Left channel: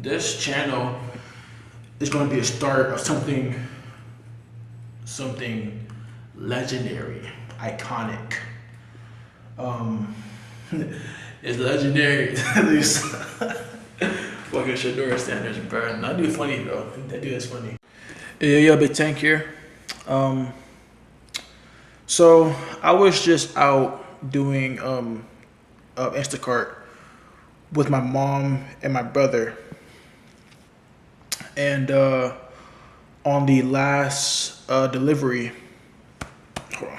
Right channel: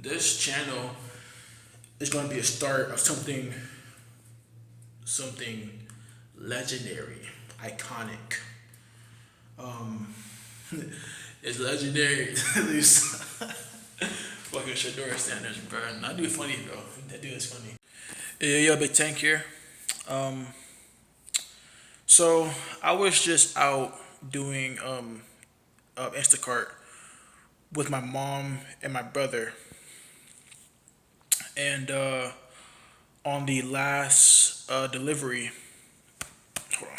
This channel is going to be a start of something legendary, iconic. Um, it's legendary. These fucking Shadura standards, bro. That dude funny, bro. That dude is funny. Yeah, yeah, Big Tank here. Um, so I was just out doing Instacart with my mom and my brother, and on the last delivery, hold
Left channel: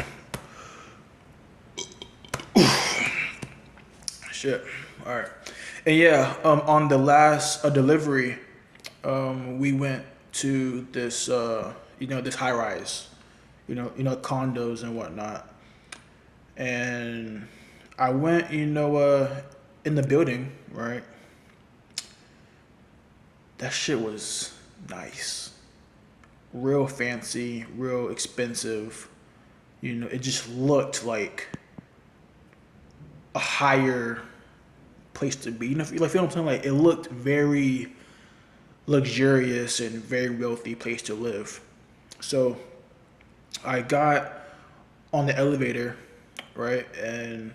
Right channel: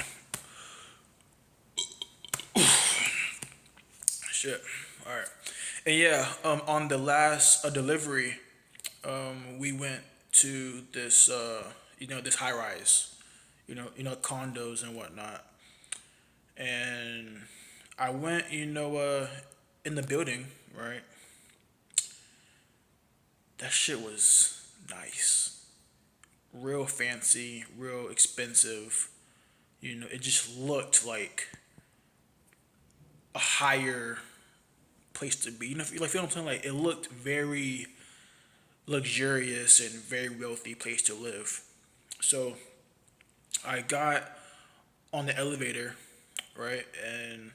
on, shit. All right, and yeah, on the last delivery, we went to this this high rise, condos and whatnot, and I went in the building, right. That shit was nice, real fancy, real expensive. It just looked like a higher place to be. Feel what I'm saying? Like it looked very luxurious and very wealthy place to live. So I got on the elevator, right, and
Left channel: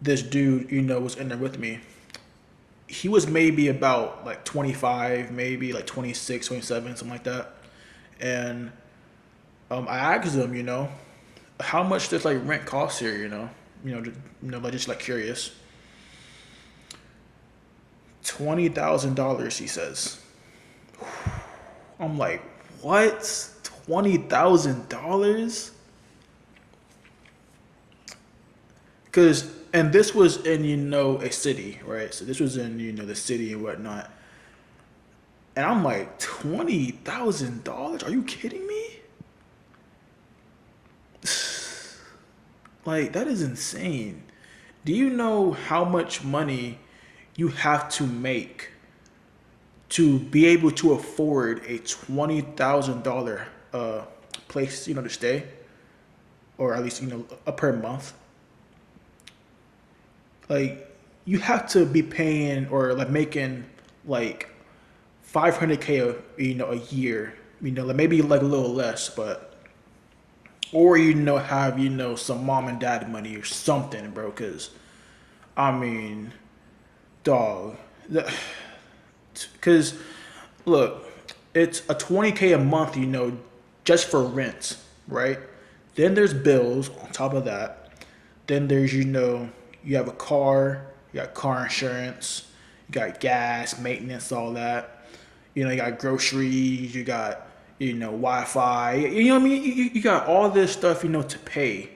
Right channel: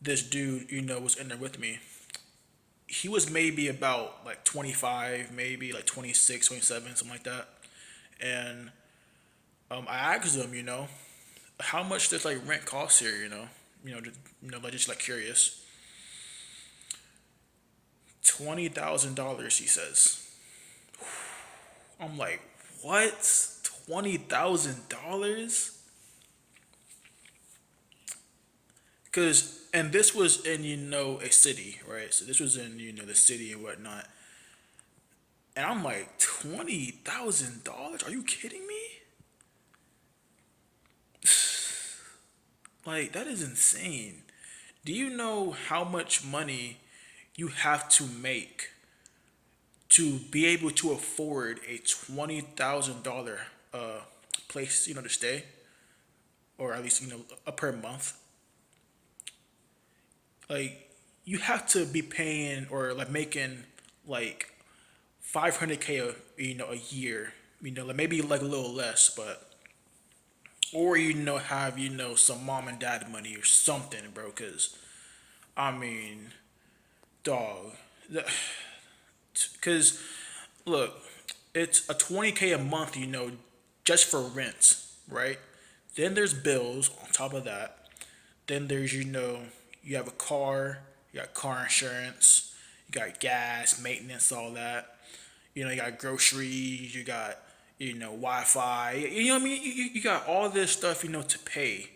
this dude, was in there with me. He was maybe about like 25, maybe like 26, 27, something like that. And I asked him, how much does like rent cost here, like just like curious. $20,000, he says. I'm like, what? $20,000? And this was in a city, right? So this was in the city and whatnot. And I'm like, $20,000? Are you kidding me? Like that is insane. Do you know how much money you have to make to be able to afford a $20,000 place, to stay, or at least a per month? Like you have to be paying or like making like 500K a year, like maybe like a little less, but or have some mom and dad money or something, bro. Because I mean, dog, because look, it's a 20K a month, just for rent, right? Then there's bills on top of that. Then there's you have a car, you got car insurance, you got gas, maintenance, all that. You got groceries, you got Wi-Fi. You know what I mean? You got all this stuff to pay,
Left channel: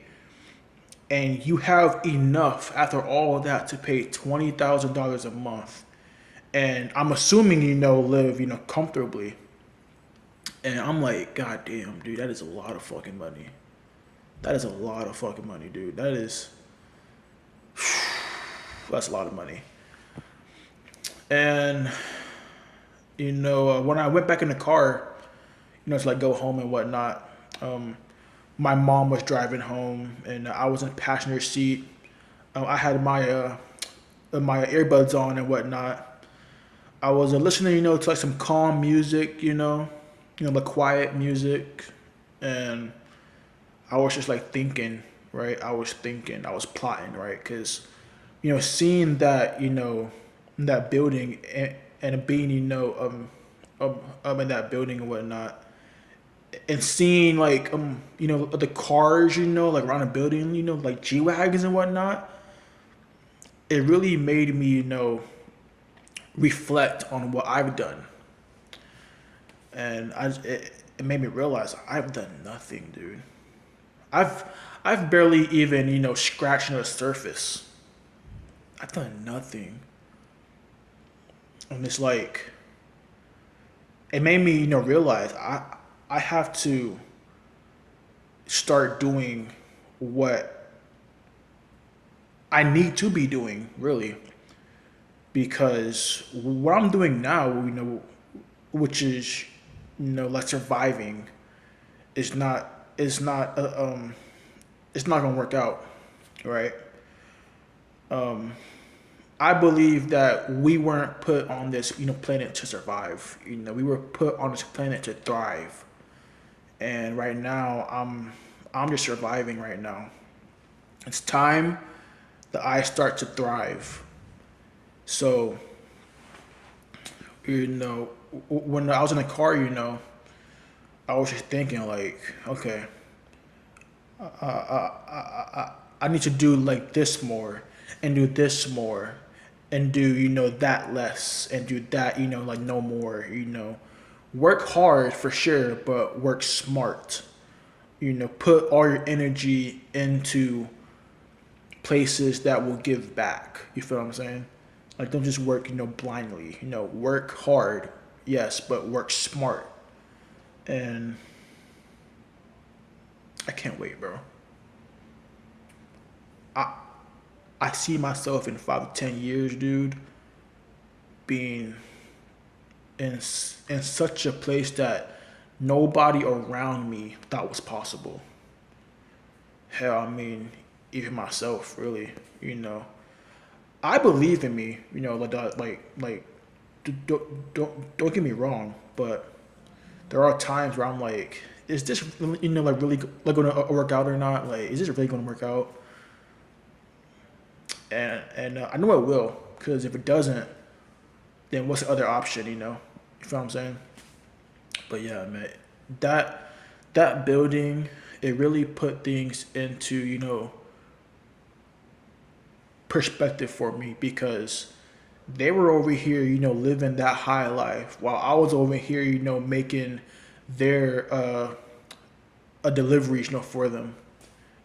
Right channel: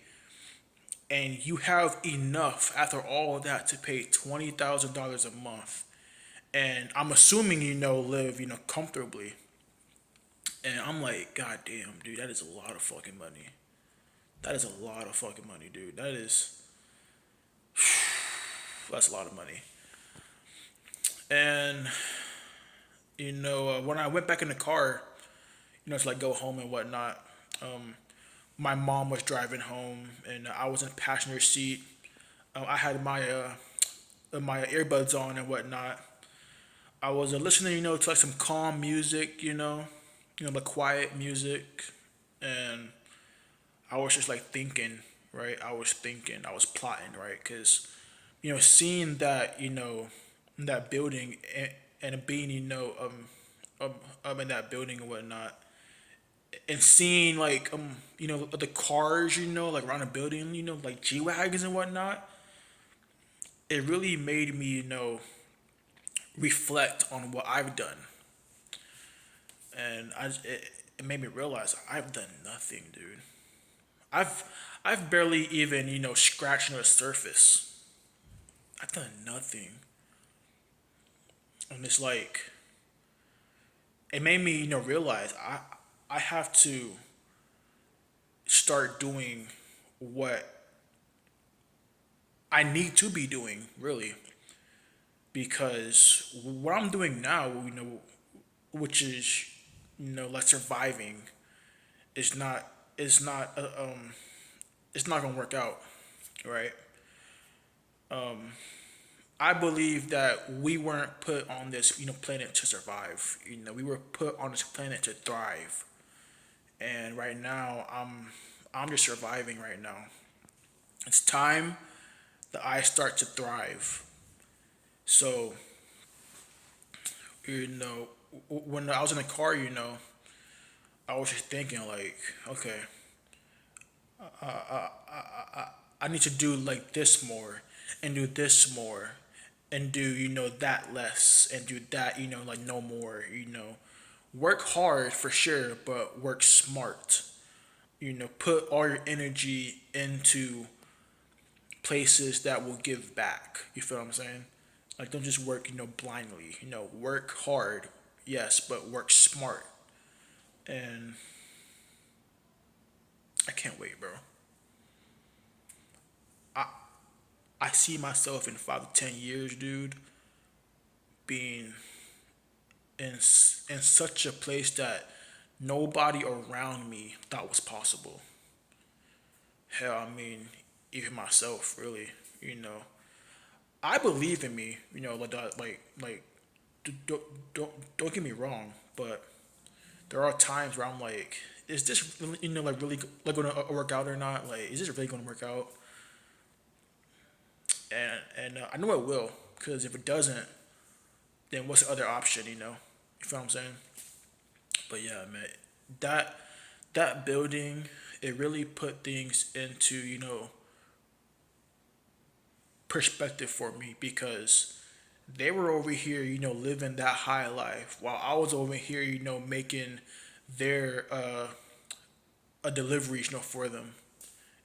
and you have enough after all of that to pay $20,000 a month. And I'm assuming live comfortably. And I'm like, God damn, dude, that is a lot of fucking money. That is a lot of fucking money, dude. That's a lot of money. And when I went back in the car, to like go home and whatnot, my mom was driving home, and I was in the passenger seat. I had my earbuds on and whatnot. I was listening, to like some calm music, like quiet music, and I was just like thinking, right? I was thinking, I was plotting, right? Because seeing that, in that building, and being, in that building and whatnot, and seeing like the cars, like around the building, like G wagons and whatnot, it really made me reflect on what I've done, and it made me realize I've done nothing, dude. I've I've barely even scratched the surface. I've done nothing, and it's like it made me realize I have to start doing what I need to be doing, really, because what I'm doing now, which is like surviving, is not is not it's not gonna work out, right? I believe that we weren't put on this, planet to survive. We were put on this planet to thrive. And right now, I'm just surviving right now. It's time that I start to thrive. So, you know, when I was in the car, I was just thinking like, okay, I need to do like this more and do this more and do, that less and do that, like no more. Work hard for sure, but work smart. Put all your energy into places that will give back. You feel what I'm saying? Like don't just work, blindly. Work hard, yes, but work smart. And I can't wait, bro. I I see myself in 5 to 10 years, dude, being in such a place that nobody around me thought was possible. Hell, I mean, even myself, really. You know, I believe in me. Like don't get me wrong, but there are times where I'm like, is this like really like gonna work out or not? Like, is this really gonna work out? And I know it will, because if it doesn't, then what's the other option? You feel what I'm saying? But yeah, man, that that building, it really put things into perspective for me, because they were over here, living that high life, while I was over here, making their a delivery, for them.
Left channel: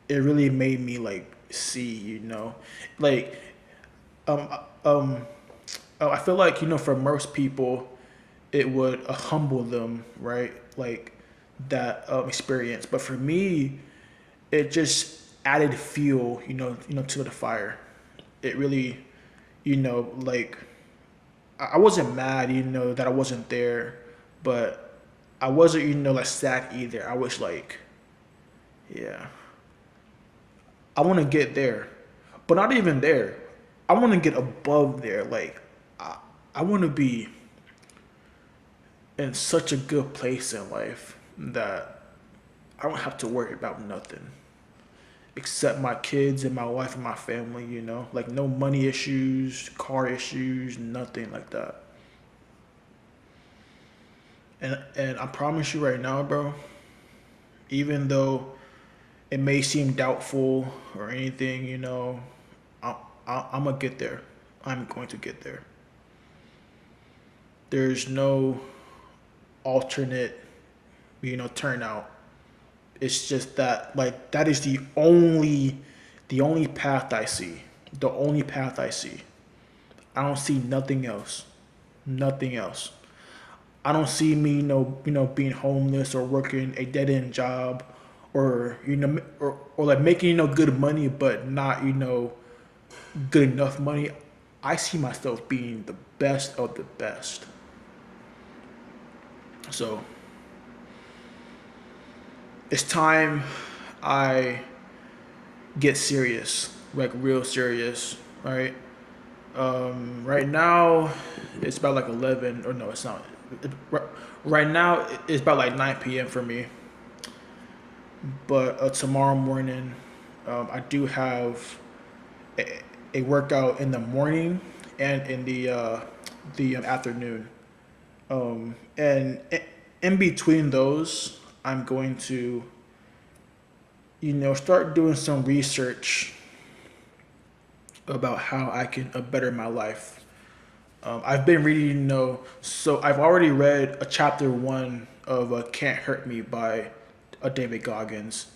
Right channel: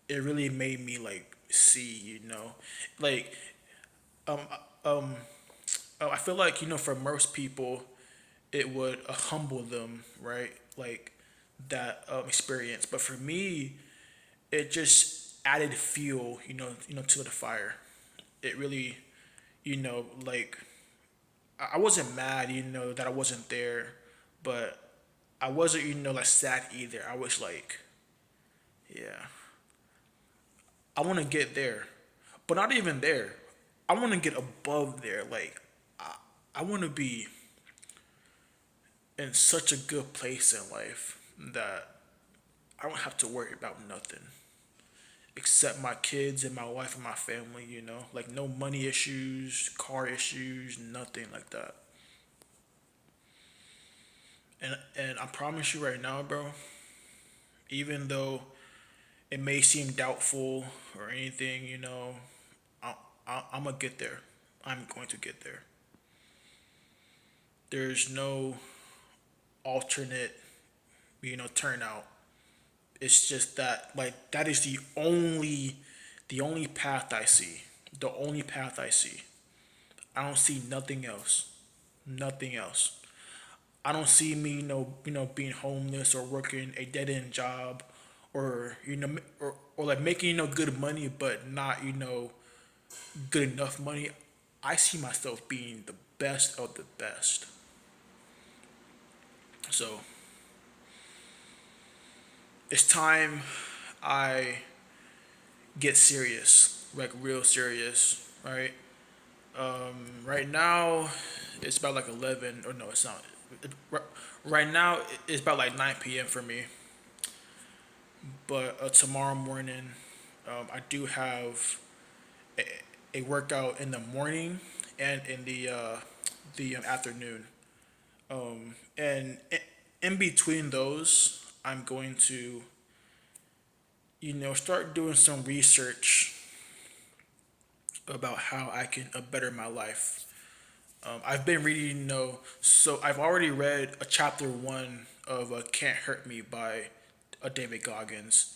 It really made me like see, like um um I feel like for most people it would humble them, right? Like that experience. But for me, it just added fuel, to the fire. It really, like I wasn't mad, that I wasn't there, but I wasn't, like sad either. I was like, yeah, I want to get there, but not even there. I want to get above there. Like, I want to be in such a good place in life that I don't have to worry about nothing except my kids and my wife and my family, like no money issues, car issues, nothing like that. And I promise you right now, bro, even though it may seem doubtful or anything, I, I'm gonna get there. I'm going to get there. There's no alternate, turnout. It's just that like that is the only path I see. The only path I see. I don't see nothing else. Nothing else. I don't see me, being homeless or working a dead end job, or or like making good money, but not good enough money. I see myself being the best of the best. So it's time I get serious, like real serious, right? Right now, it's about like 11, or no, it's not. Right now, it's about like 9 p.m. for me. But tomorrow morning, I do have a, a workout in the morning and in the afternoon. And in between those, I'm going to, start doing some research about how I can better my life. I've been reading, so I've already read a chapter one of "Can't Hurt Me" by David Goggins.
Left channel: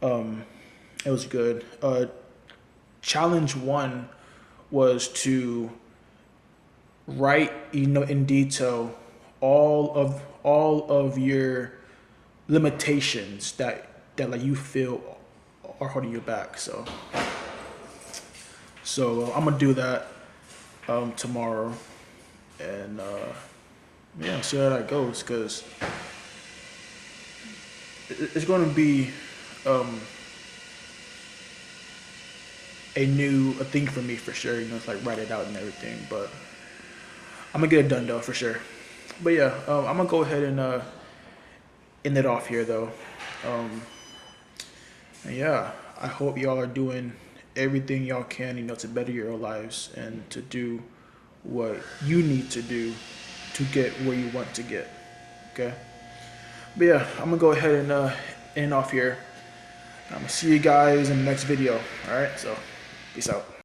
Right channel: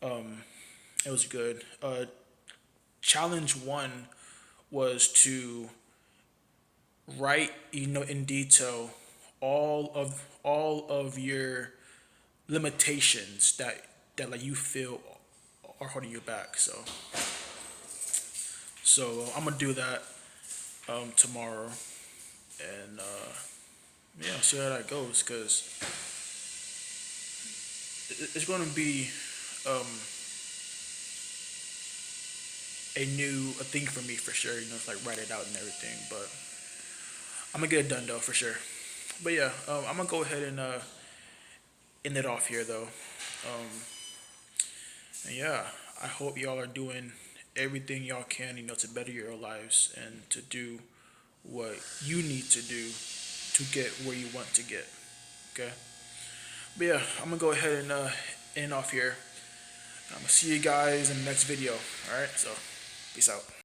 It was good. Challenge one was to write, in detail all of your limitations that like you feel are holding you back. So I'm gonna do that tomorrow, and yeah, see how that goes, because it's gonna be um a thing for me for sure. You know, it's like write it out and everything. But I'm gonna get it done though for sure. But yeah, I'm gonna go ahead and end it off here though. Um, and yeah, I hope y'all are doing everything y'all can, you know, to better your lives and to do what you need to do to get where you want to get. Okay. But yeah, I'm gonna go ahead and end off here. I'm gonna see you guys in the next video. All right. So, peace out.